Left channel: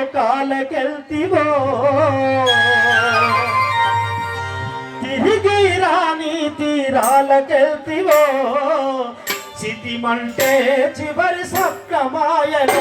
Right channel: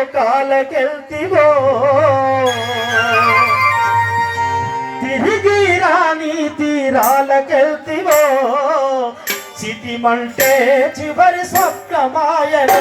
తీరాలకెళ్తివో తిరిగి రాని తీరాలకెళ్తివో సిటిమంటే చివరి సొక్క మాయలో